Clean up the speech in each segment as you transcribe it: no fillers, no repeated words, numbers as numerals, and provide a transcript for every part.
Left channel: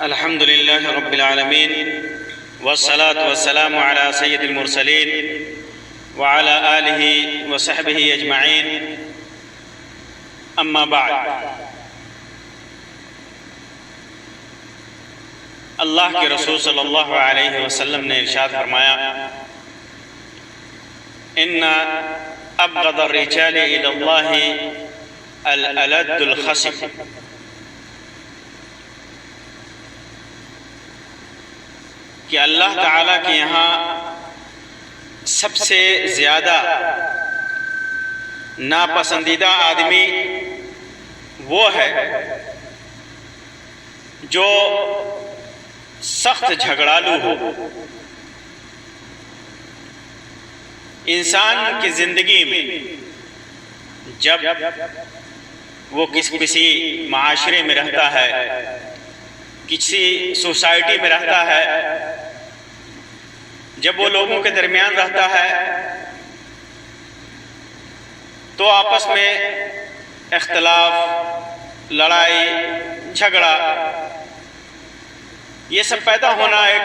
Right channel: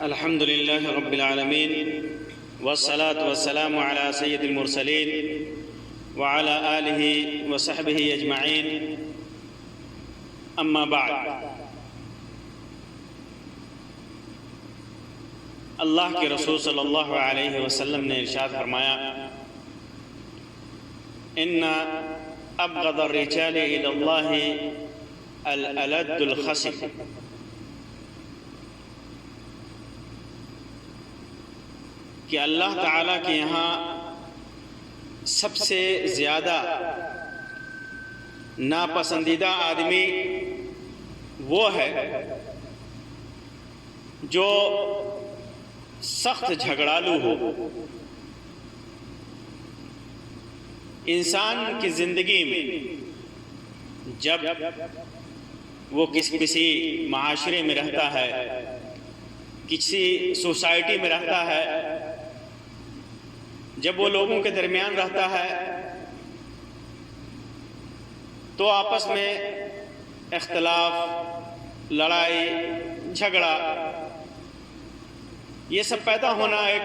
الحمد لله رب العالمين والصلاة والسلام على سيد المرسلين وعلى آله وصحبه أجمعين أما بعد. اللہ کے رسول صلی اللہ علیہ وسلم نے ارشاد فرمایا ان ابغض الرجال الى اللہ الالد الخصم، کہ اللہ تعالیٰ کے یہاں سب سے زیادہ ناپسندیدہ آدمی وہ ہے جو سخت جھگڑالو ہو. انسان کی زندگی میں جب وہ کسی معاشرے میں رہتا ہے، کسی سوسائٹی میں رہتا ہے، جب وہ لوگوں کے درمیان رہتا ہے تو آپس میں اختلاف، لڑائی، جھگڑا، یہ سب پیدا ہونا ایک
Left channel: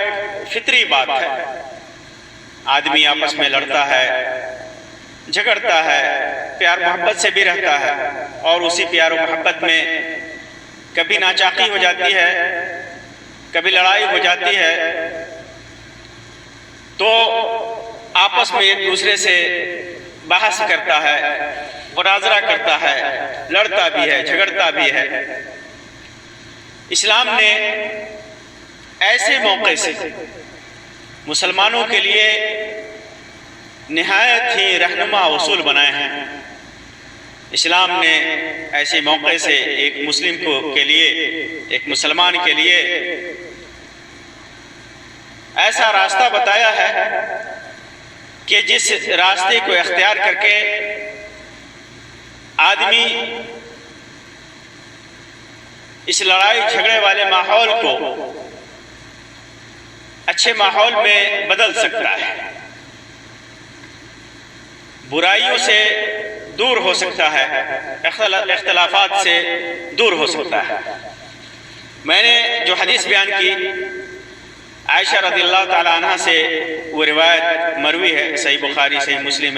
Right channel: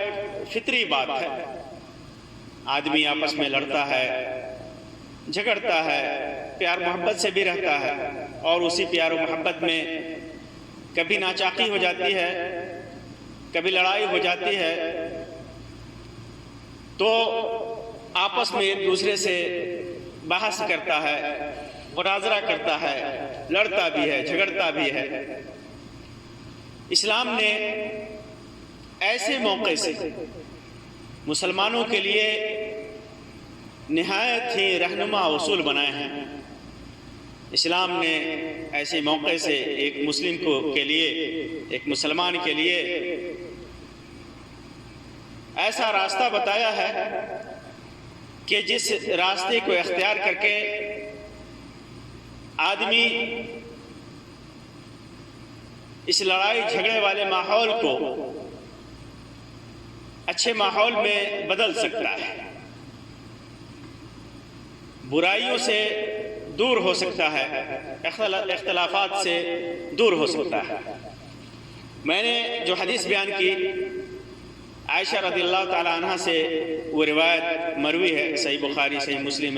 فطری بات ہے. آدمی آپس میں لڑتا ہے، جھگڑتا ہے، پیار محبت سے بھی رہتا ہے، اور اسی پیار و محبت میں کبھی ناچاقی ہو جاتی ہے، کبھی لڑائی ہو جاتی ہے، تو آپس میں ایک دوسرے سے بحث کرتا ہے، مناظرہ کرتا ہے، لڑتا بھی ہے، جھگڑتا بھی ہے. اسلام نے ایسے موقع سے مسلمانوں کے لیے نہایت ہی رہنما اصول بنائے ہیں. اسلام نے ایسے موقع سے ایک مسلم کے لیے، ایک مسلمان کے لیے ایسا راستہ بتایا ہے کہ جس راستے کو اختیار کر کے آدمی اس لڑائی جھگڑے والے ماحول کو اچھے ماحول میں بدل سکتا ہے، برائیوں سے دور ہو سکتا ہے، اختلافات سے دور ہو سکتا ہے. میں نے جو حدیث بیان کی عائشہ رضی اللہ تعالی عنہ سے، وہ روایت مروی ہے، صحیح بخاری، صحیح مسلم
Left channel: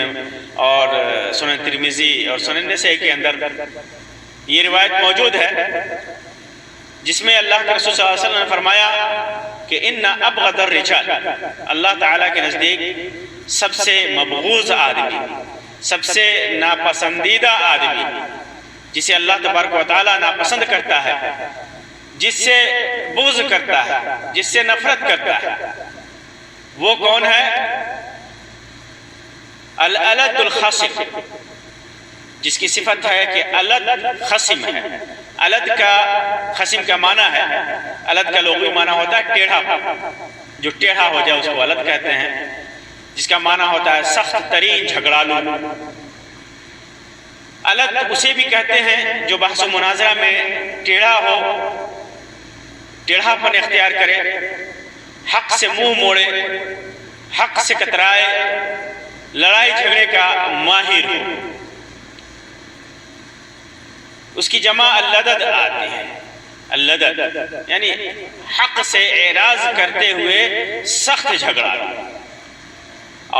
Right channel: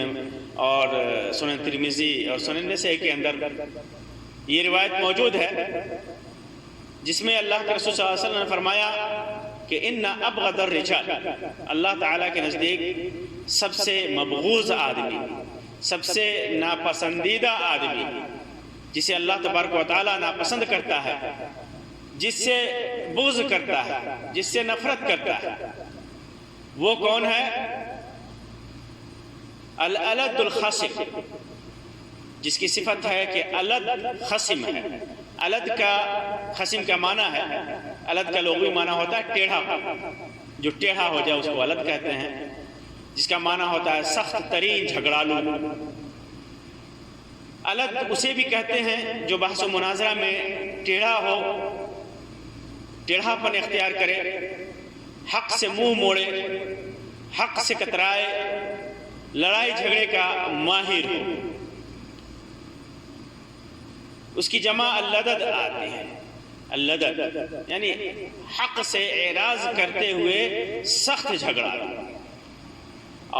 اور سنن ترمذی اور سنن نسائی کے اندر یہ روایت موجود ہے، جس میں اللہ کے رسول صلی اللہ علیہ وسلم نے فرمایا کہ ان ابغض الرجال، اللہ تعالیٰ کے نزدیک سب سے مبغوض آدمی، سب سے ناپسندیدہ آدمی، جسے اللہ تبارک و تعالیٰ ناپسند کرتا ہے، جس سے بغض کرتا ہے، جس سے نفرت کرتا ہے، وہ کون ہے؟ الالد الخصم، جس کی صفت ہے کہ الد خصم ہے. الد کا خصم کا معنی ہے، الد کا لغوی معنی ہوتا ہے ٹیڑھا، جو ٹیڑھا ہو جائے اس کو الد کہتے ہیں، جس کا معنی ہوتا ہے سخت ترین جھگڑالو. الد اسے بھی کہتے ہیں جو بحث و مناظرہ میں ٹیڑھا ہو، ٹیڑھا پن اختیار کرے، حق سے منہ موڑے، حق سے کترائے، لڑائی جھگڑے کا ماہر ہو. اس کی جمع اللدد آتی ہے. اللدد یعنی حق سے اعراض کرتے ہوئے سخت جھگڑا،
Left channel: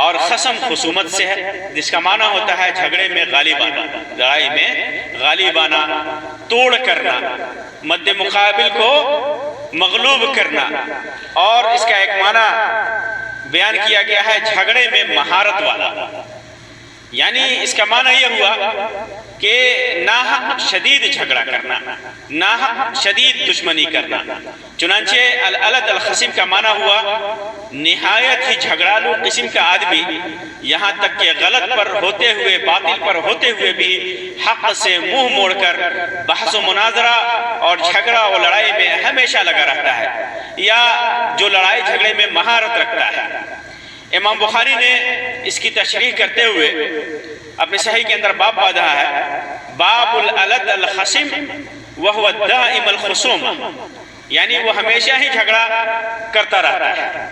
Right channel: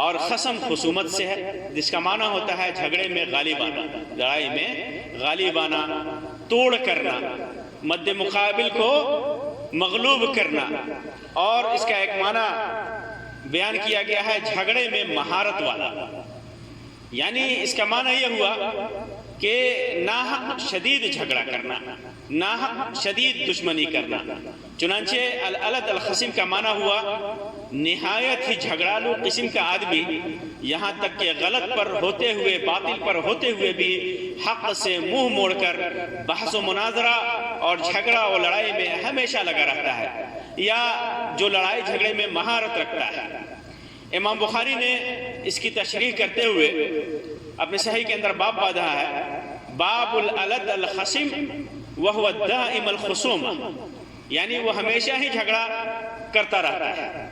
اور خصم خصومت سے ہے، جس کا معنی ہوتا ہے جھگڑے میں غالب آنا، لڑائی میں غالب آنا، توڑ کرنا، مد مقابل کو مغلوب کرنا. اور اس کا ایک معنی بیان کیا گیا ہے جھگڑے میں مہارت والا، یعنی اس کا معنی یہ ہوا کہ ناحق شدید جھگڑا کرنا، ناحق شدید دشمنی کرنا. چنانچہ الالد الخصم کا معنی ہوا نہایت ہی جھگڑالو قسم کا آدمی، یہاں تک کہ غلط پر ہوتے ہوئے، باطل پر ہوتے ہوئے بھی حق سے منہ موڑ کر بحث و مناظرہ اور جھگڑا و لڑائی میں ہمیشہ لگا رہتا ہے، یا جو لڑائی جھگڑے میں مہارت رکھتا ہے. امام بخاری نے اس کی تشریح کرتے ہوئے اپنے صحیح کے اندر باب باندھا ہے، باب الالد الخصم وهو الدائم الخصوم، یعنی وہ ہمیشہ ہی جھگڑا کرتا رہتا ہے.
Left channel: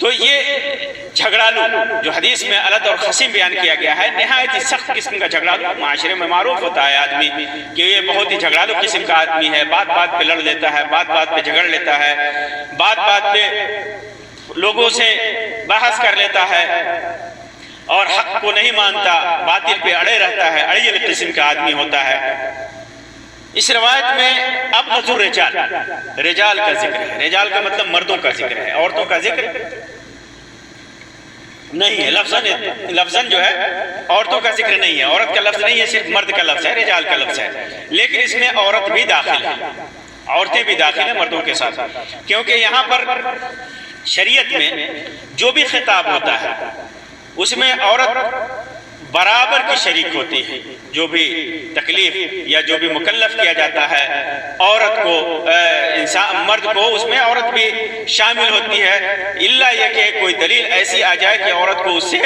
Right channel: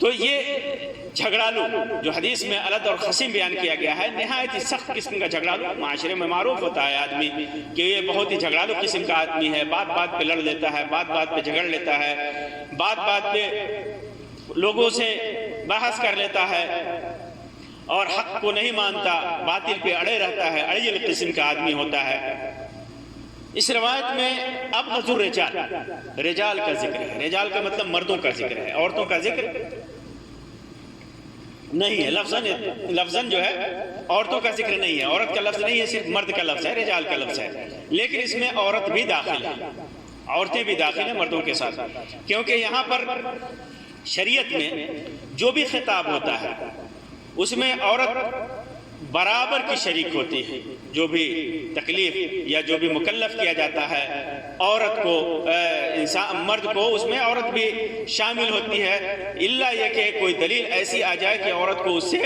تو یہ جھگڑالو جو حدیث میں الد اور خصیم بیان کیا گیا ہے، نہایت ہی سخت قسم کا جھگڑالو معاشرے میں معروف ہوتا ہے آدمی کہ یہ بہت ہی جھگڑالو قسم کا آدمی ہے، بات بات پہ لڑ لیتا ہے، بات بات پہ جھگڑ لیتا ہے، بات بات پہ لوگوں سے بحث کر لیتا ہے اور حق کو نہیں مانتا، باطل پہ اڑے رہتا ہے، اڑیل قسم کا آدمی ہوتا ہے۔ اس روایت میں ابغض الرجال، رجال کا ذکر ہے، رجال کا مطلب مردوں کا ذکر ہے، عورتوں کا ذکر نہیں ہے۔ لفظاً جو ہے عورتوں کا ذکر نہیں ہے، عورت کا لفظ نہیں ہے، صرف مرد کا لفظ ہے، رجال کا لفظ ہے، لیکن اس میں عورت بھی داخل ہے، عورتیں بھی داخل ہیں مردوں کے ساتھ، کیونکہ یہاں پر شریعت میں جو بھی خطاب ہوتا ہے اس میں عورت برابر کی شریک ہوتی ہے، جو بھی تکلیف یا جو بھی مکلف کیا جاتا ہے عورت کو، مرد کو، اس میں عورت بھی شامل ہوتی ہے، الا یہ کہ کوئی دلیل ایسی آ جائے کہ عورت کو اس سے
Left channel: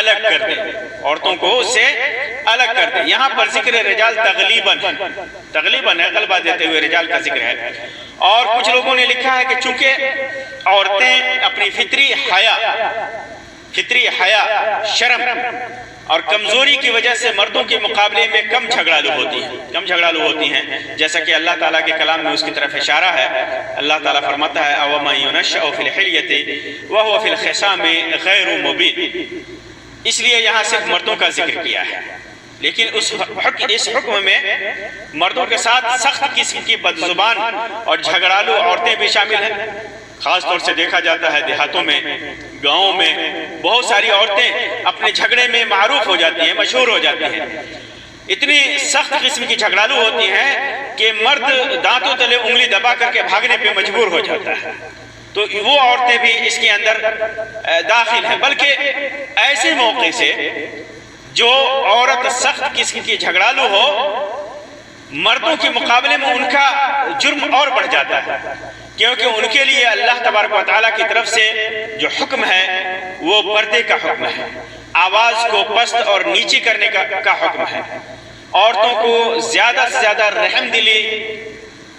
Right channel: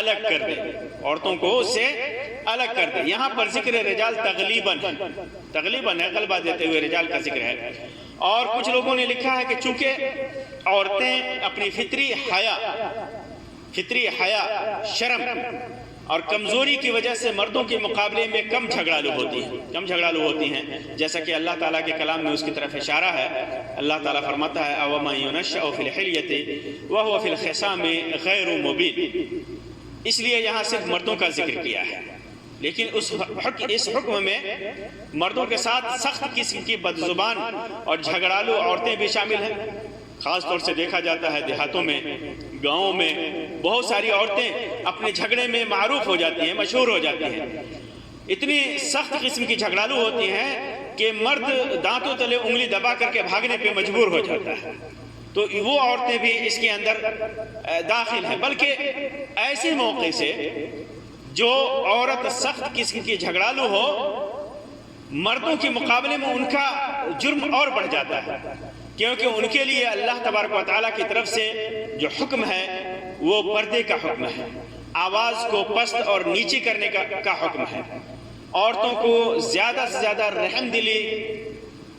الگ کر دے، عورتوں کو اس سے الگ کر دے۔ یہاں پر ذکر رجال تغلیباً ہے، غلبہ دیتے ہوئے رجال کا ذکر ہے۔ اور کچھ لوگوں نے لکھا ہے کہ چونکہ عورتیں اپنی فطری حیا، شرم اور کمزوری کی وجہ سے مردوں کے مقابلے میں کم جھگڑالو ہوتی ہیں، جیسا کہ اللہ تعالیٰ کے کلام میں اس کی طرف اشارہ ہے۔ اللہ تعالیٰ فرماتا ہے أَوَمَن يُنَشَّأُ فِي الْحِلْيَةِ وَهُوَ فِي الْخِصَامِ غَيْرُ مُبِينٍ، اس لیے یہاں صرف مردوں کا ذکر کیا ہے، لیکن اس حکم میں مردوں کے ساتھ سخت قسم کی بدزبان اور جھگڑالو عورتیں بھی شامل ہیں۔ خاص طور سے دیکھا جاتا ہے دیہاتوں میں، گاؤں میں بہت ساری عورتیں اپنے جھگڑے میں معروف ہو جاتی ہیں، مشہور ہو جاتی ہیں، اتنی سخت قسم کی جھگڑالو ہوتی ہیں کہ مرد دانتوں تلے انگلی دبا کر کے بھاگنے پہ مجبور ہو جاتا ہے۔ تو وہ عورتیں بھی اس کے اندر داخل ہیں، بلکہ ایسے موقع سے جو عورت سخت قسم کی جھگڑالو ہو، مردوں کے مقابلے میں ان کا جرم اور بڑھ جاتا ہے، کیونکہ ان کے لیے اللہ تبارک و تعالیٰ کی طرف سے جو حکم ہے وہ پردے کا حکم ہے، آواز کو پست اور نیچی کرنے کا حکم ہے، عورتوں کو زیادہ سے زیادہ رحم دلی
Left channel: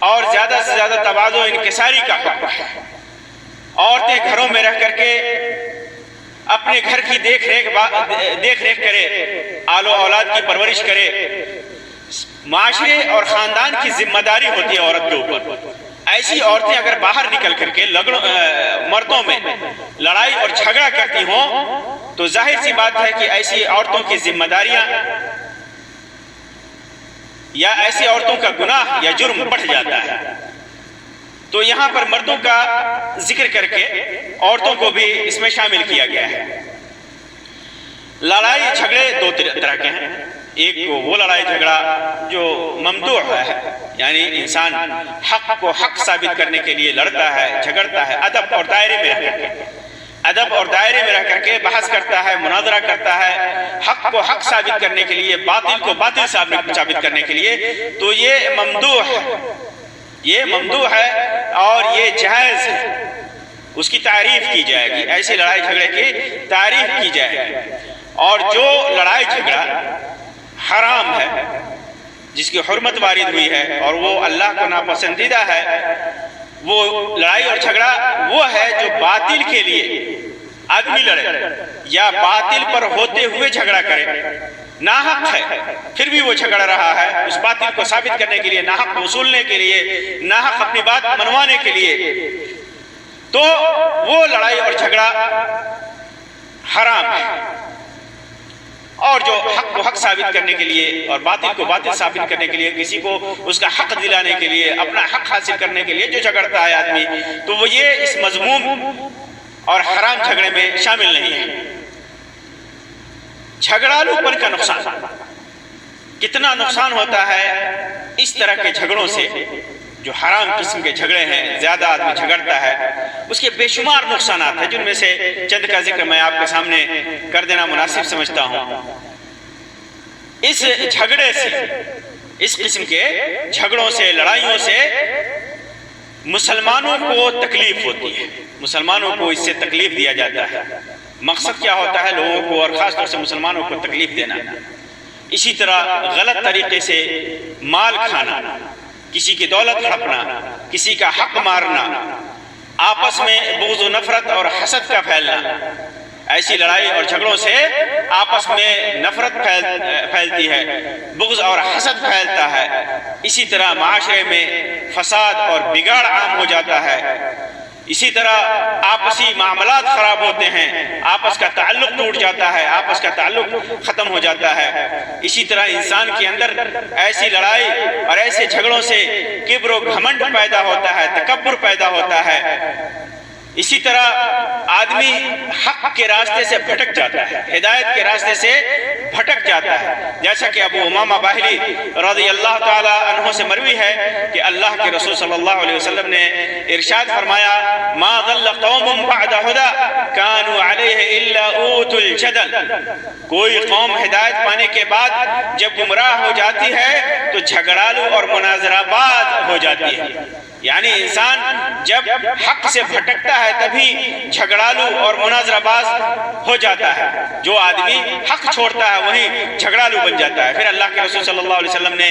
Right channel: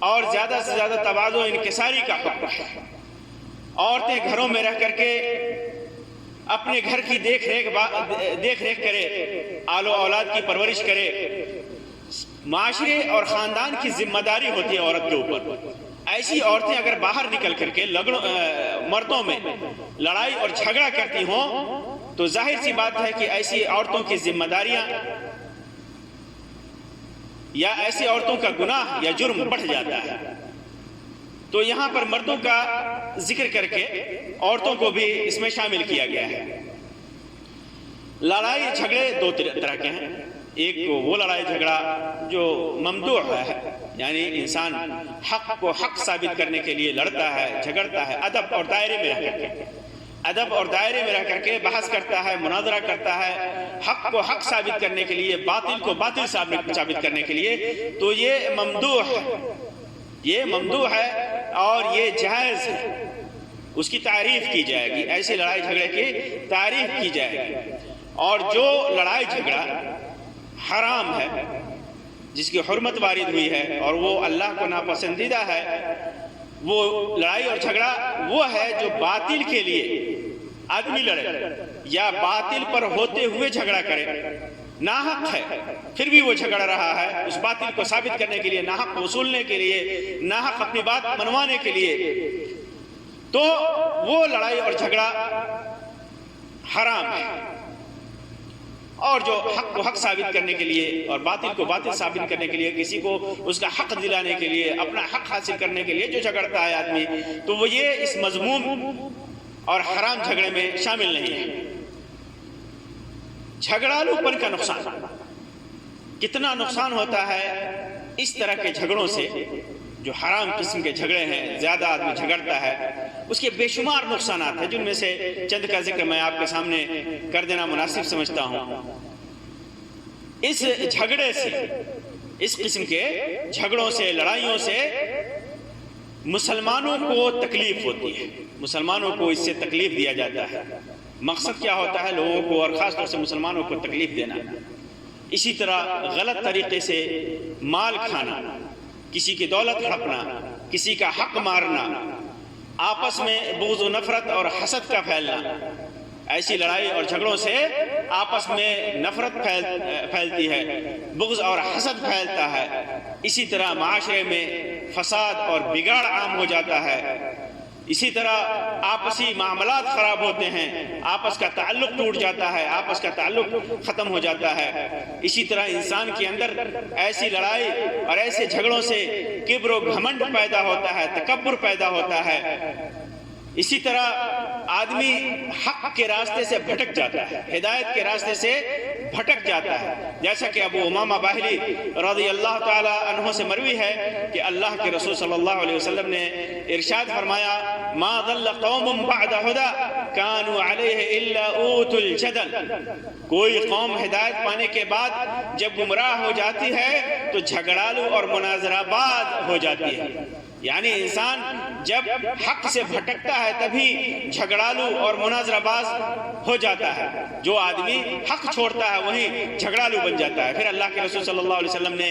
اور زیادہ سے زیادہ تواضع و انکساری کا حکم ہے۔ عورتیں گھروں میں رہ کر کے اپنے گھر کی دیکھ ریکھ کرے، آل و اولاد کی پرورش کرے، معاشرے اور خاندان کی ذمہ داری ہوتی ہے عورت کے اوپر۔ ایسی عورتیں اگر باہر نکل کر کے مردوں میں لڑائی اور جھگڑا کرتی ہوں تو ظاہر سی بات ہے کہ ایسی عورتوں کی ذمہ داریاں یا ایسی عورتوں کا گناہ یا جرم بڑھ جاتا ہے۔ تو یہاں پر مردوں کا ذکر کر کے عورتوں کو بھی اس میں شامل کیا گیا ہے۔ لڑائی جھگڑے دو طرح کے ہیں، ایک وہ لڑائی جھگڑا جو ممدوح ہے، یعنی انسان حق کو حق ثابت کرنے کے لیے لڑتا ہے، جھگڑتا ہے، ادب اور دائرے میں رہ کر کے بحث کرتا ہے، مناظرہ کرتا ہے، حق کو حق ثابت کرنے کے لیے، باطل کو باطل ثابت کرنے کے لیے، تو یہ ممدوح ہے اور یہ جائز ہے، اس کی تعریف کی جائے گی، ایسی لڑائی جھگڑے کی تعریف کی جائے گی۔ اور جو لڑائی جھگڑا حرام ہے، جس کی حرمت وارد ہوئی ہے اور وہ اللہ کو ناپسندیدہ ہے، وہ لڑائی اور جھگڑا وہ ہے جو باطل کے لیے آدمی لڑے یا باطل پر ہوتے ہوئے جھگڑا کرے، ناحق ہے پھر بھی وہ جھگڑ رہا ہے اس باطل کو ثابت کرنے کے لیے، ناحق وصولنے کے لیے، ناحق اپنی بات منوانے کے لیے، تو وہ لڑائی اور جھگڑا حرام ہے۔ اور جو حق کو حق ثابت کرنے کے لیے اور باطل کو باطل ثابت کرنے کے لیے، کسی کو اس کا حق دلانے کے لیے، اپنا حق حاصل کرنے کے لیے جو جھگڑتا ہے آدمی، تو وہ یہ اس مذموم اور حرام جھگڑے میں شامل نہیں ہے۔ جھگڑالو پن کا نقصان، کتنا نقصان ہوتا ہے اس طرح کے جھگڑوں سے، جو حرام قسم کے جھگڑے ہیں، زیادہ آدمی جھگڑتا ہے، اس کے بے شمار نقصانات ہیں، جن میں سے چند کا ذکر میں آپ کے سامنے کر دینا مناسب سمجھتا ہوں۔ اس جھگڑے سے، اس قسم کے جھگڑوں سے، لڑائیوں سے مسلمانوں کو تکلیف ہوتی ہے، مسلمانوں کو اس سے تکلیف دیا جاتا ہے۔ مقصد کیا ہوتا ہے؟ لوگوں کو اور خاص طور سے مسلمانوں کو تکلیف دینا۔ اسی طرح غلط طریقے سے مال کھانا، کسی کی دولت ہڑپنا، کسی کا حق مارنا، آپس میں بغض و نفرت اور حسد کا پھیلنا، ایسی لڑائی اور جھگڑوں سے آپس میں نفرت پھیلتی ہے، بغض اور حسد پھیلتا ہے، اسی طرح معاشرے میں فساد اور بگاڑ عام ہو جاتا ہے، اسی طرح آپسی معاملات خراب ہوتے ہیں، آپس کا تعلق ٹوٹ جاتا ہے، آپس کا تعلق ختم ہو جاتا ہے۔ اسی طرح انسان کے اندر ایسی لڑائی اور ایسے جھگڑوں سے کبر و گھمنڈ پیدا ہوتا ہے، تکبر پیدا ہوتا ہے۔ اسی طرح آدمی حق کے راستے سے بھٹک جاتا ہے، ہدایت کے راستے سے بھٹک جاتا ہے، جیسا کہ ابو امامہ باہلی رضی اللہ تعالی عنہ سے مروی ہے کہ اللہ کے رسول صلی اللہ علیہ وسلم نے ارشاد فرمایا، ما ضل قوم بعد ہدی كانوا علیہ الا اوتوا الجدل۔ کوئی قوم ہدایت پانے کے بعد جب گمراہ ہو جاتی ہے تو جھگڑالو اور مناظرہ باز ہو جاتی ہے۔ یعنی انسان جب حق سے بھٹکتا ہے تبھی جھگڑالو اور مناظرہ باز ہو جاتا ہے، جو آدمی حق چھوڑتا ہے وہیں جھگڑالو بن جاتا ہے۔ پھر اللہ کے رسول صلی اللہ علیہ وسلم نے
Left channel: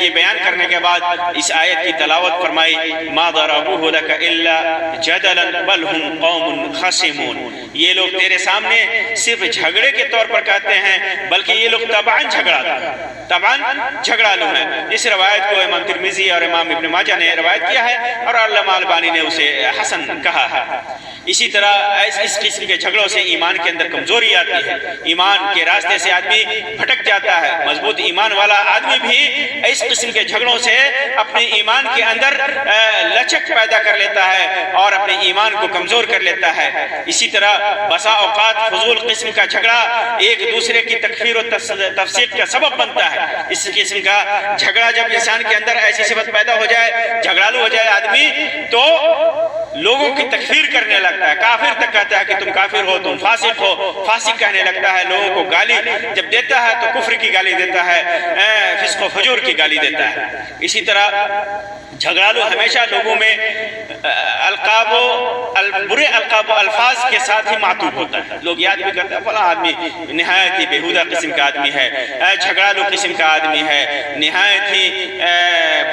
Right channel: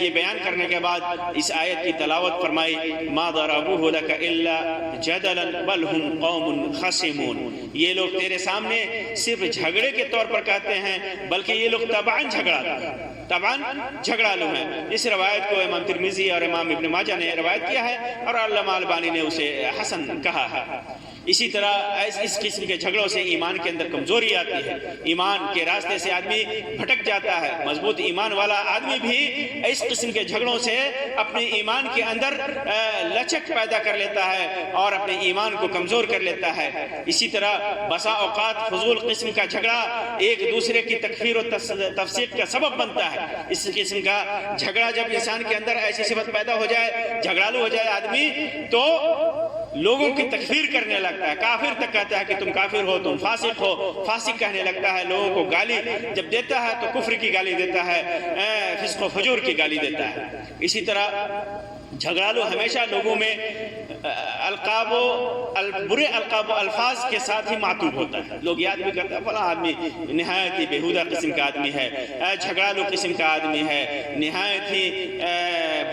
یہ بیان کرنے کے بعد اس آیت کی تلاوت فرمائی، ما ضربوه لك الا جدلا بل هم قوم خصمون۔ یہ لوگ تیرے سامنے صرف جھگڑے کے طور پر کہتے ہیں، بلکہ یہ لوگ طبعاً جھگڑالو ہیں۔ اس روایت کو امام ترمذی اور امام ابن ماجہ نے روایت کیا ہے اور علامہ البانی نے اسے حسن کہا ہے۔ اسی طرح اس قسم کے جھگڑوں سے ایمان کے اندر کمزوری آتی ہے، ایمان کے راستے سے آدمی بھٹک جاتا ہے۔ مضبوط ایمان والا آدمی بھی اس قسم کے جھگڑوں سے اپنے ایمان کے اندر لچک پیدا کر لیتا ہے اور اپنے ایمان کو کمزور کر لیتا ہے۔ اسی طرح بسا اوقات فضول قسم کا جھگڑا ایک دوسرے کی تکفیر و تفسیق کا سبب بنتا ہے۔ اس قسم کا جھگڑا جب انسان کے اندر ایسی صفت پیدا ہو جائے، جھگڑالو ہو جائے آدمی، تو لوگوں کی تکفیر کرنے لگتا ہے، کافر تک کہتا ہے کہ تم کافر ہو، تم فاسق ہو، فاسق کہنے لگتا ہے، لوگوں کو گالی جب دیتا ہے تو کفر کی گالی دیتا ہے، فسق و فجور کی گالی دیتا ہے۔ اسی طرح جھگڑالو ہمیشہ لوگوں میں برے القاب و الفاظ کے ساتھ ہی معطوف ہوتا ہے۔ لوگ یاد بھی کرتے ہیں فلاں آدمی نہایت ہی بےہودہ قسم کا آدمی ہے، جھگڑالو قسم کا آدمی ہے، نہایت ہی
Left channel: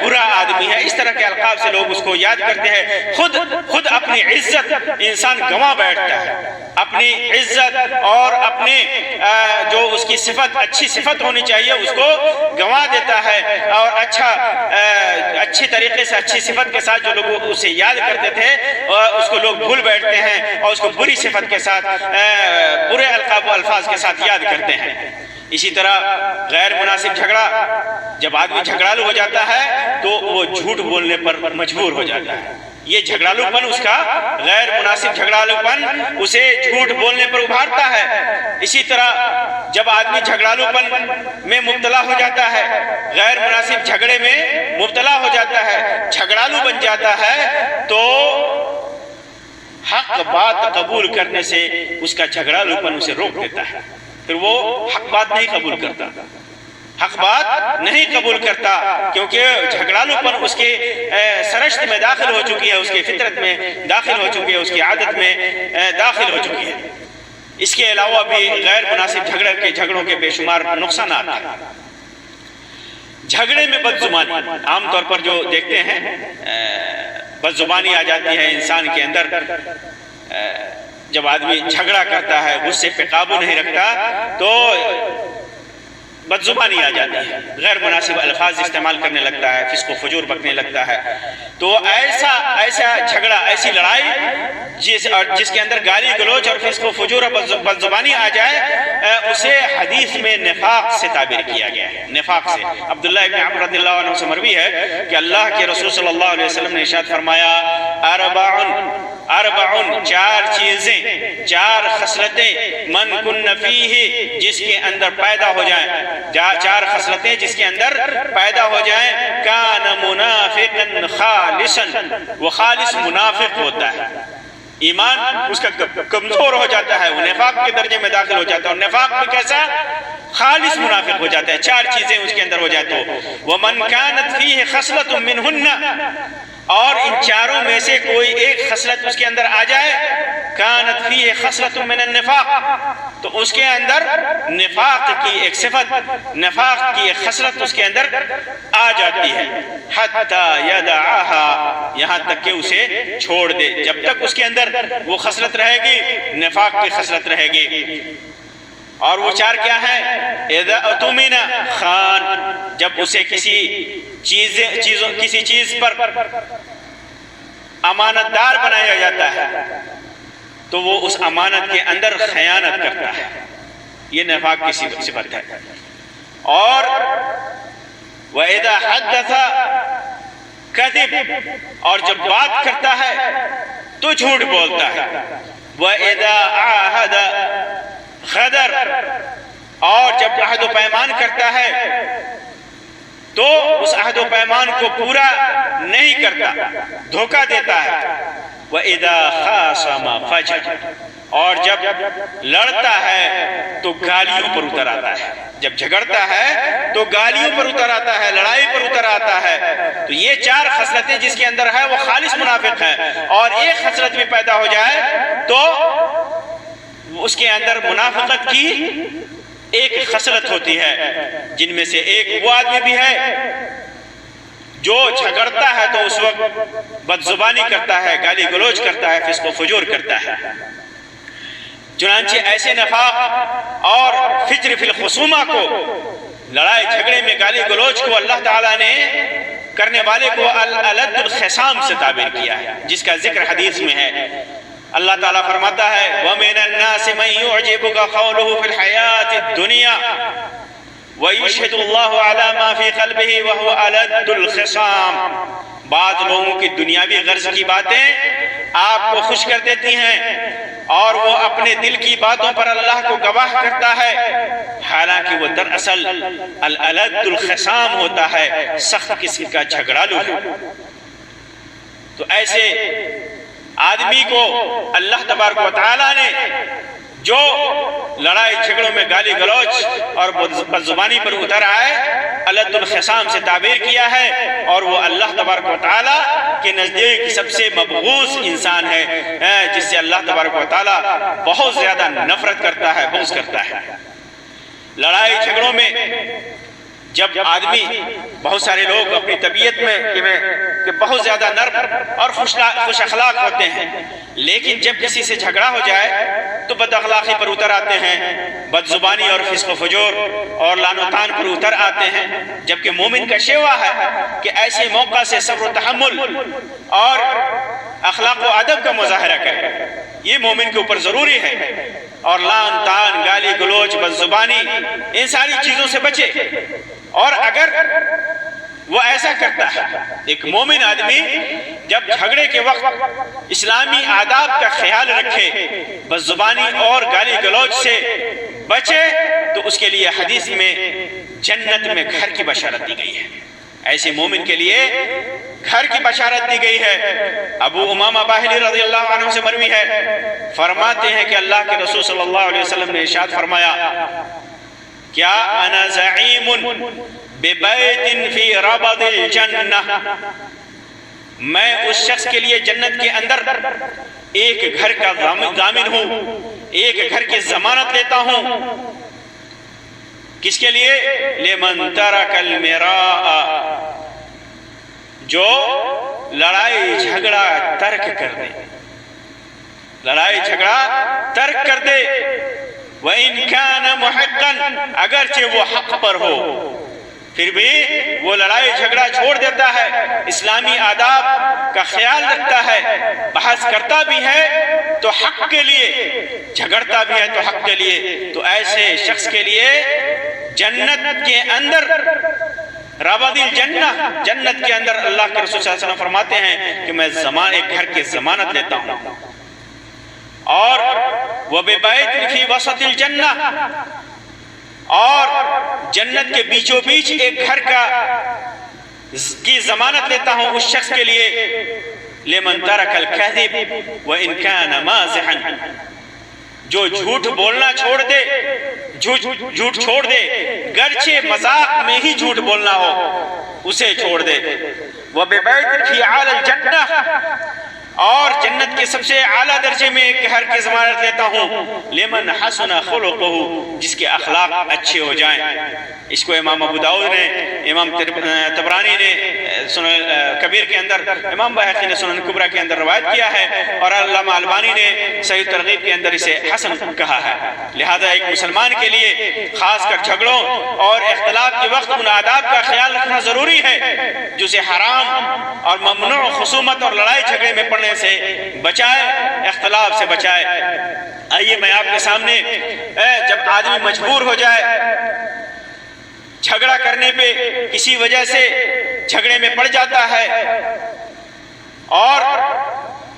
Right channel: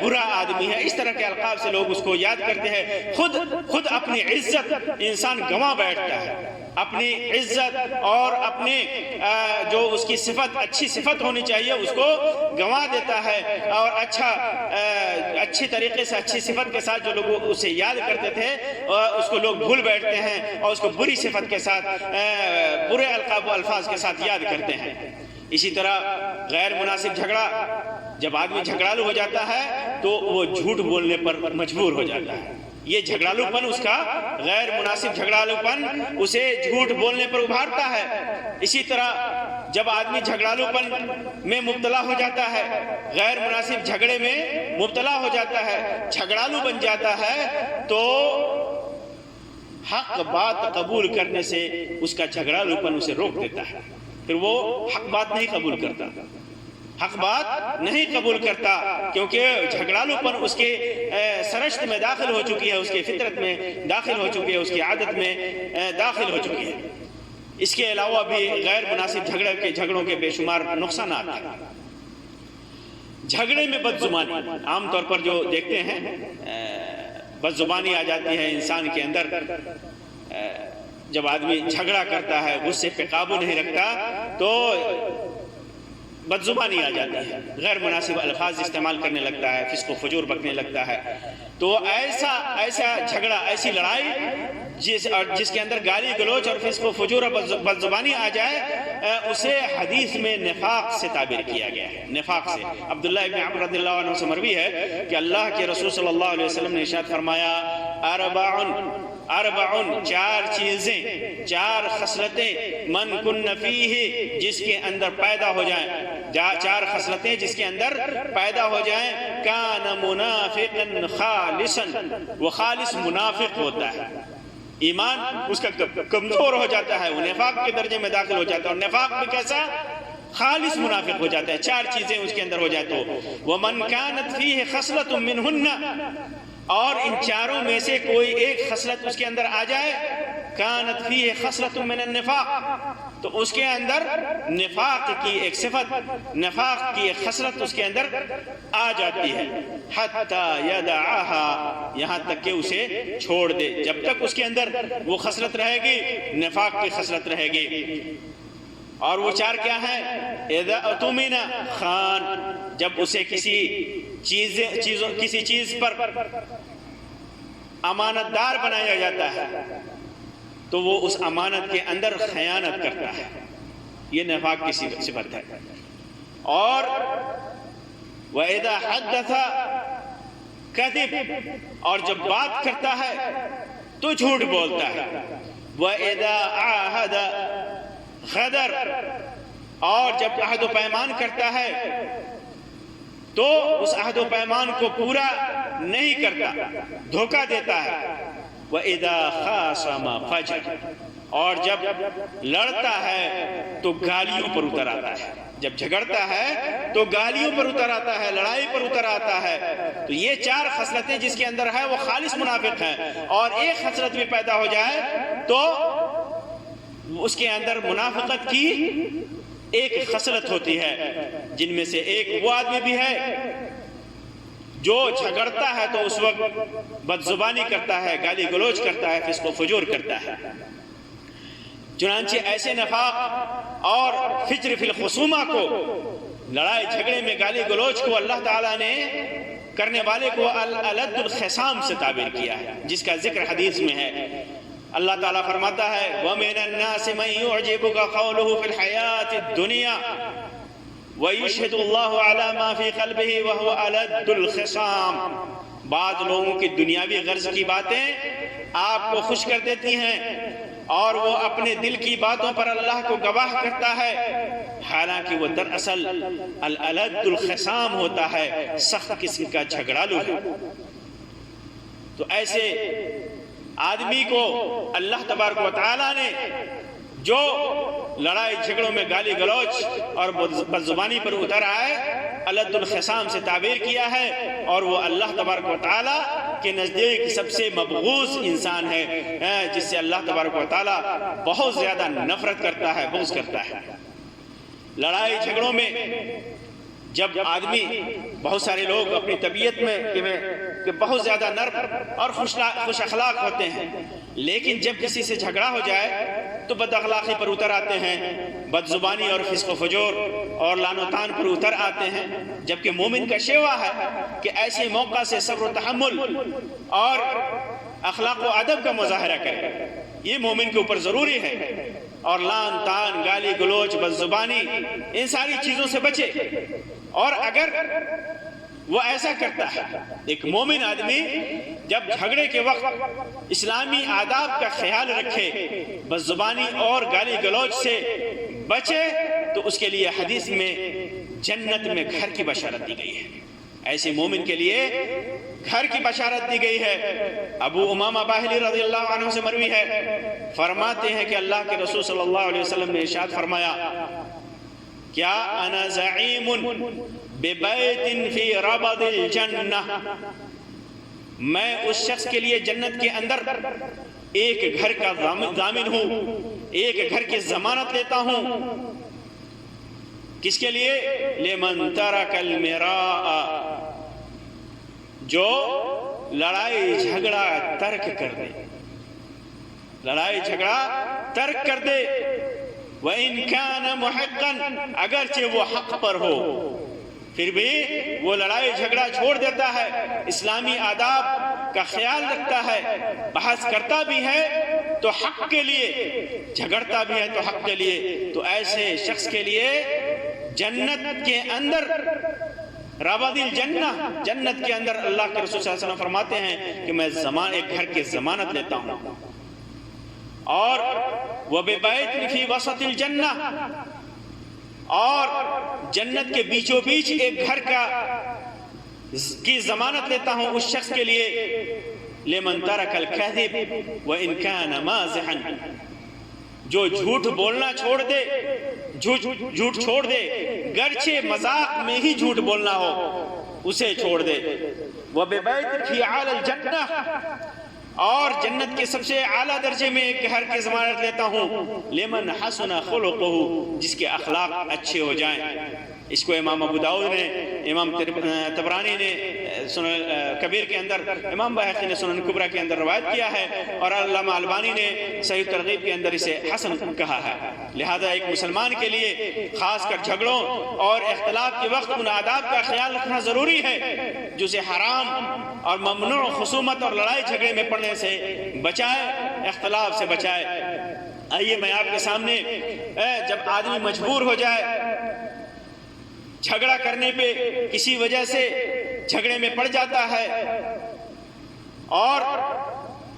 برا آدمی ہے۔ اس طرح کے القاب سے لوگ اس کو یاد کرتے ہیں۔ خود اپنی عزت انسان گنوا بیٹھتا ہے، اپنی عزت اور اپنی جو اس کی صفت اچھی صفت ہونی چاہیے اس کو گنوا دیتا ہے، اور اچھی طریقے سے اچھی صفت کے ساتھ جو لوگ اسے یاد کرتے تھے اس کو لوگ بھول بیٹھتے ہیں اور اس کو بری صفت کے ساتھ، برے القاب و الفاظ کے ساتھ یاد کرتے ہیں۔ اسی طرح غیر مناسب جھگڑا، جب آدمی جھگڑالو ہو جاتا ہے تو وہ جھوٹ بولنے پر مجبور ہو جاتا ہے۔ یہ جھگڑالو پن، اس کا غیر مناسب جھگڑالو پن اسے جھوٹ بولنے پر ابھارتا ہے۔ اسی طرح جب آدمی جھگڑالو پن میں مبتلا ہو جاتا ہے، غیر مناسب جھگڑے میں مبتلا ہو جاتا ہے، جھگڑالو بن جاتا ہے، تو حق بات قبول کرنے سے اس کا جھگڑالو پن اسے روک دیتا ہے، پھر وہ حق بات نہیں قبول کرتا، حق بات نہیں قبول کرتا، کیونکہ جھگڑالو پن اس کے سرشت میں داخل ہو چکی ہے، اس کے فطرت میں داخل ہو چکی ہے، اس کی عادت میں داخل ہو چکی ہے۔ اس کے علاوہ بھی غیر مناسب جھگڑوں کے بے شمار نقصانات ہیں۔ جھگڑے میں بد زبانی، عام طور پر جو دیکھتے ہیں بد زبانی آ جاتی ہے انسان کے اندر، جب آدمی جھگڑا کرتا ہے، غصے پہ قابو نہیں رکھتا تو بد زبانی آ جاتی ہے، غیر مناسب الفاظ استعمال کرنے لگتا ہے، فسق و فجور بکنے لگتا ہے۔ تو ایسا جھگڑا، ایسی لڑائی جس کے اندر گالی گلوچ اور فسق و فجور اور بد زبانی آ جائے، اسے حدیث میں نفاق سے تعبیر کیا گیا ہے، نفاق سے۔ عبداللہ ابن عمر رضی اللہ عنہ سے مروی ہے کہ اللہ کے رسول صلی اللہ علیہ وسلم نے ارشاد فرمایا، اربعن، چار چیزیں، چار خصلتیں، من کن فیہ، جس کے اندر پیدا ہو جائیں، چار خصلتیں جس کے اندر پیدا ہو جائیں، کان منافقا خالصا، وہ خالص منافق ہوتا ہے، ایمان اس کا کمزور ہو جاتا ہے، وہ نفاق کے درجے میں داخل ہو جاتا ہے، اور نفاق بھی کیسا؟ خالص منافق ہو جاتا ہے۔ چار چیزیں اس کے اندر ہو جائے تو وَمَنْ كَانَتْ فِيهِ خَصْلَةٌ مِّنْهُنَّ، اور ان چاروں میں سے کوئی ایک خصلت اس کے اندر آ جائے، كَانَتْ فِيهِ خَصْلَةٌ مِّنَ النِّفَاقِ، تو اس کے اندر نفاق کی ایک صفت، نفاق کی ایک خصلت اس کے اندر آ آ جاتی ہے، حتی یدعہا، یہاں تک کہ اسے چھوڑ دے. جب تک اس کے اندر وہ خصلت رہے گی، نفاق کی خصلت رہے گی. اور وہ چار کیا ہیں؟ اذا اؤتمن خان، جب اسے کسی چیز پر امانت دار بنایا جاتا ہے تو وہ اس امانت کے اندر خیانت کرتا ہے. یہ نفاق کی صفت ہے. اور وَإِذَا حَدَّثَ كَذِبَ، اور جب بات کرتا ہے تو جھوٹ بولتا ہے. وَإِذَا عَاهَدَ غَدَرَ، اور جب عہد و پیمان کرتا ہے تو اس عہد و پیمان کو پورا نہیں کرتا، دھوکہ دیتا ہے. وَإِذَا خَاصَمَ فَجَرَ، اور جب لڑتا ہے تو گالیوں پر اتر آتا ہے. جب جھگڑتا ہے تو گالیوں پر اتر آتا ہے، لڑائی پر اتر آتا ہے. تو یہ چار خصلتیں جس کے اندر ہے وہ خالص منافق ہے. اور ایک خصلت بھی پیدا ہو جائے تو اس کے اندر منافقت کی ایک خصلت ہوتی ہے، جن میں سے ایک وہ آدمی بھی ہے جو جھگڑتا ہے تو اس وقت بد زبانی کرتا ہے، گالی گلوچ کرتا ہے، فسق و فجور کرتا ہے. چنانچہ ایسے نفاق اور فجر فی الخصومہ کو، لڑائی جھگڑے میں گالی گلوچ کو اللہ تعالیٰ نے کرنے والے کو الألد الخصام سے تعبیر کیا ہے، جس کا ذکر حدیث میں ہے. اللہ تعالیٰ فرماتا ہے وَمِنَ النَّاسِ مَن يُعْجِبُكَ قَوْلُهُ فِي الْحَيَاةِ الدُّنْيَا وَيُشْهِدُ اللَّهُ عَلَى مَا فِي قَلْبِهِ وَهُوَ أَلَدُّ الْخِصَامِ. بعض لوگوں کی دنیاوی غرض کی باتیں آپ کو خوش کر دیتی ہیں اور وہ اپنے دل کی باتوں پر اللہ کو گواہ کرتا ہے، حالانکہ وہ دراصل الألد الخصام ہوتا ہے، سخت قسم کا جھگڑالو ہے. تو ایسے آدمی کو اللہ تبارک و تعالیٰ نے جو لڑائی جھگڑوں میں گالی گلوچ اور بدزبانی پر اتر آئے الد الخصام سے تعبیر کیا ہے، اور وہ اللہ تبارک و تعالیٰ کے نزدیک سب سے مبغوض انسان ہے، جس سے اللہ تبارک و تعالیٰ بہت زیادہ نفرت کرتا ہے، بغض کرتا ہے. لڑائی جھگڑوں میں جب آدمی، بہت سارے لوگ اپنی طبیعت میں کہ بہت زیادہ نرم اور خوش اخلاق ہوتے ہیں، لیکن جب کسی سے جھگڑا ہو جائے تو بد اخلاقی پر اتر آتے ہیں، بد زبانی اور فسق و فجور اور لعن و طعن پر اتر آتے ہیں. جبکہ مومن کا شیوا ہے کہ ایسے موقع سے صبر و تحمل اور اخلاق و ادب کا مظاہرہ کرے. یہ مومن کے اوپر ضروری ہے. اور لعن طعن، گالی گلوچ، بد زبانی، ان ساری چیزوں سے بچے. اور اگر وہ ایسا کرتا ہے، ایک مومن آدمی جب جھگڑے کے وقت اسلامی آداب کا خیال رکھے، بد زبانی اور گالی گلوچ سے بچے، تو اس کے لیے حدیث میں جنت میں گھر کی بشارت دی گئی ہے. ایسے مومن کے لیے گھر کی بشارت دی گئی ہے. ابو امامہ باہلی رضی اللہ عنہ سے مروی ہے، فرماتے ہیں کہ اللہ کے رسول صلی اللہ علیہ وسلم نے ارشاد فرمایا کیا انا زعیم ببیت فی ربض الجنہ، میں اس شخص کے لیے جنت کے اندر ایک گھر کا ضامن ہوں، ایک گھر کی ضمانت لیتا ہوں. کس کے لیے؟ لمن ترک المراء، جو لڑائی جھگڑا ترک کر دے، لڑائی جھگڑا ترک کر دے. وَإِن كَانَ مُحِقًّا، اگرچہ وہ حق پر ہو پھر بھی وہ لڑائی جھگڑا چھوڑ دیتا ہے، اسلامی آداب کا خیال رکھتا ہے، بحث کرتا بھی ہے تو حق کے لیے، جھگڑتا بھی ہے تو حق کے لیے. تو ایسے شخص کے لیے جنت کے اندر ربض الجنہ، جنت کے اندر اللہ کے رسول صلی اللہ علیہ وسلم فرماتے ہیں کہ میں ایک گھر کی ضمانت لیتا ہوں. اور وَبِبَيْتٍ فِي وَسَطِ الْجَنَّةِ، اور جنت کے بیچوں بیچ ایک گھر کی ضمانت لیتا ہوں اس شخص کے لیے لمن ترک الکذب وَإِن كَانَ مَازِحًا، جو جھوٹ بولنا چھوڑ دے، جھوٹ چھوڑ دے، گرچہ مذاق میں ہی جھوٹ بولنا ہو اسے چھوڑ دے. وَبِبَيْتٍ فِي أَعْلَى الْجَنَّةِ، اور جنت کے سب سے اعلیٰ درجے میں ایک گھر کی ضمانت لیتا ہوں لمن حسن خلقہ، جس کے اخلاق اچھے ہو جائیں. اس کو امام ابو داؤد نے، امام طبرانی نے سنن کبیر کے اندر، امام بہقی نے سنن کبریٰ کے اندر روایت کیا ہے، اور علامہ البانی نے صحیح ترغیب کے اندر اسے حسن کہا ہے۔ لہذا ایک مسلمان کے لیے خاص کر جھگڑوں اور اختلاف کے وقت ان آداب کا خیال رکھنا ضروری ہے جو اسے حرام اور ممنوع خصومت اور لڑائی جھگڑے میں پڑنے سے بچائے، اختلاف سے بچائے۔ آئیے میں آپ کے سامنے، جب آدمی مجبور ہو جائے جھگڑا کرنے پہ، کسی وجہ سے جھگڑے میں پڑ جاتا ہے، اور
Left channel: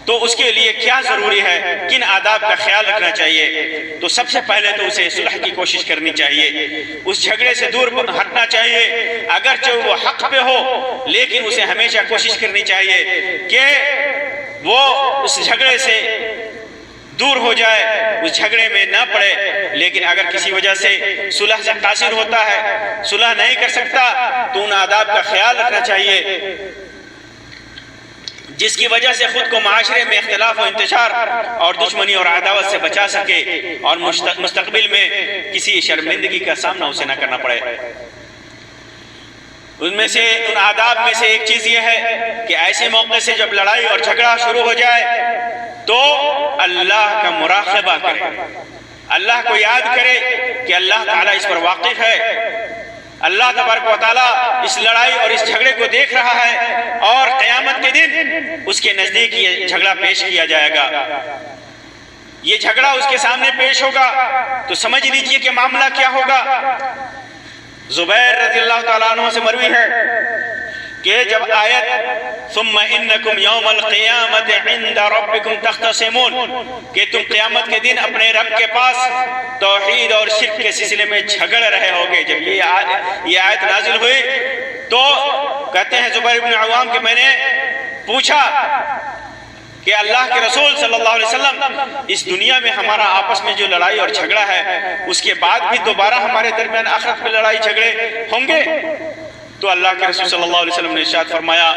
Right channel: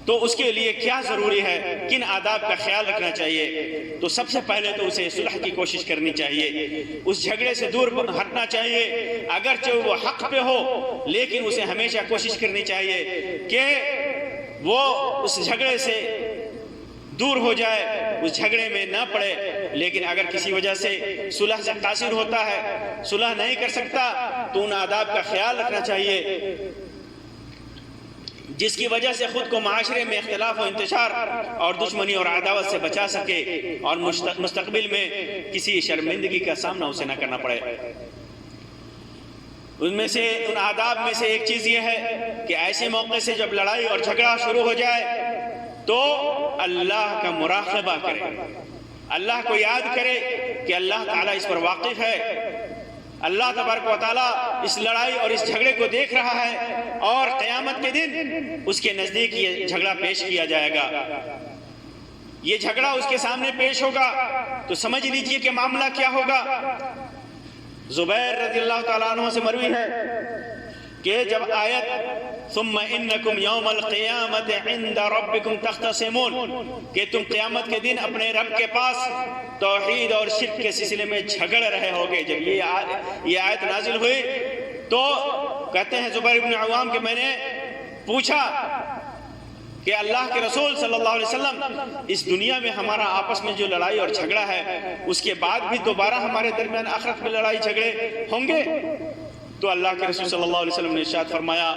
تو اس کے لیے کیا ضروری ہے، کن آداب کا خیال رکھنا چاہیے؟ تو سب سے پہلے تو اسے صلح کی کوشش کرنی چاہیے، اس جھگڑے سے دور ہٹنا چاہیے، اگرچہ وہ حق پہ ہو لیکن اسے ہمیشہ کوشش کرنی چاہیے کہ وہ اس جھگڑے سے دور ہو جائے، اس جھگڑے میں نہ پڑے۔ لیکن اگر کسی وجہ سے صلح سے قاصر ہوتا ہے، صلح نہیں کر سکتا، تو ان آداب کا خیال رکھنا چاہیے جس کی وجہ سے خود کو معاشرے میں اختلاف و انتشار اور دشمنی اور عداوت سے بچا سکے، اور مستقبل میں کسی شرمندگی کا سامنا اسے نہ کرنا پڑے۔ ان میں سے، ان آداب میں سے ایک چیز یہ ہے کہ ایسے موقع سے جب لڑائی اور جھگڑا شروع ہو جائے تو اللہ کا مراقبہ کرے، اللہ کو یاد کرے کہ اللہ تعالیٰ اس پر واقف ہے، اللہ تبارک و تعالیٰ اس لڑائی اور اس جھگڑے کو دیکھ رہا ہے، اور قیامت کے دن اس کے نزدیک یہ جھگڑا پیش کیا جائے گا۔ یہ جھگڑا اس کے سامنے پیش ہوگا تو سمجھ لیجئے کہ معاملہ کیا ہوگا۔ زبیر رضی اللہ تعالیٰ عنہ سے مروی ہے کہ جب آیت ثم انکم یوم القیامت عند ربکم تختصمون، کہ تم قیامت کے دن اپنے رب کے پاس توحید اور شرک کے سلسلے میں جھگڑ رہے ہوگے، جب یہ آیت نازل ہوئی تو کہتے ہیں زبیر بن عوام کہ میں نے پوچھا کہ اللہ کے رسول صلی اللہ علیہ وسلم، اس دنیا میں ہمارا آپس میں جو لڑائی اور جھگڑا ہے، اس کے بعد بھی دوبارہ ہمارے درمیان آخرت میں لڑائی جھگڑے ہوں گے؟ تو اللہ کے رسول صلی اللہ علیہ وسلم نے ارشاد فرمایا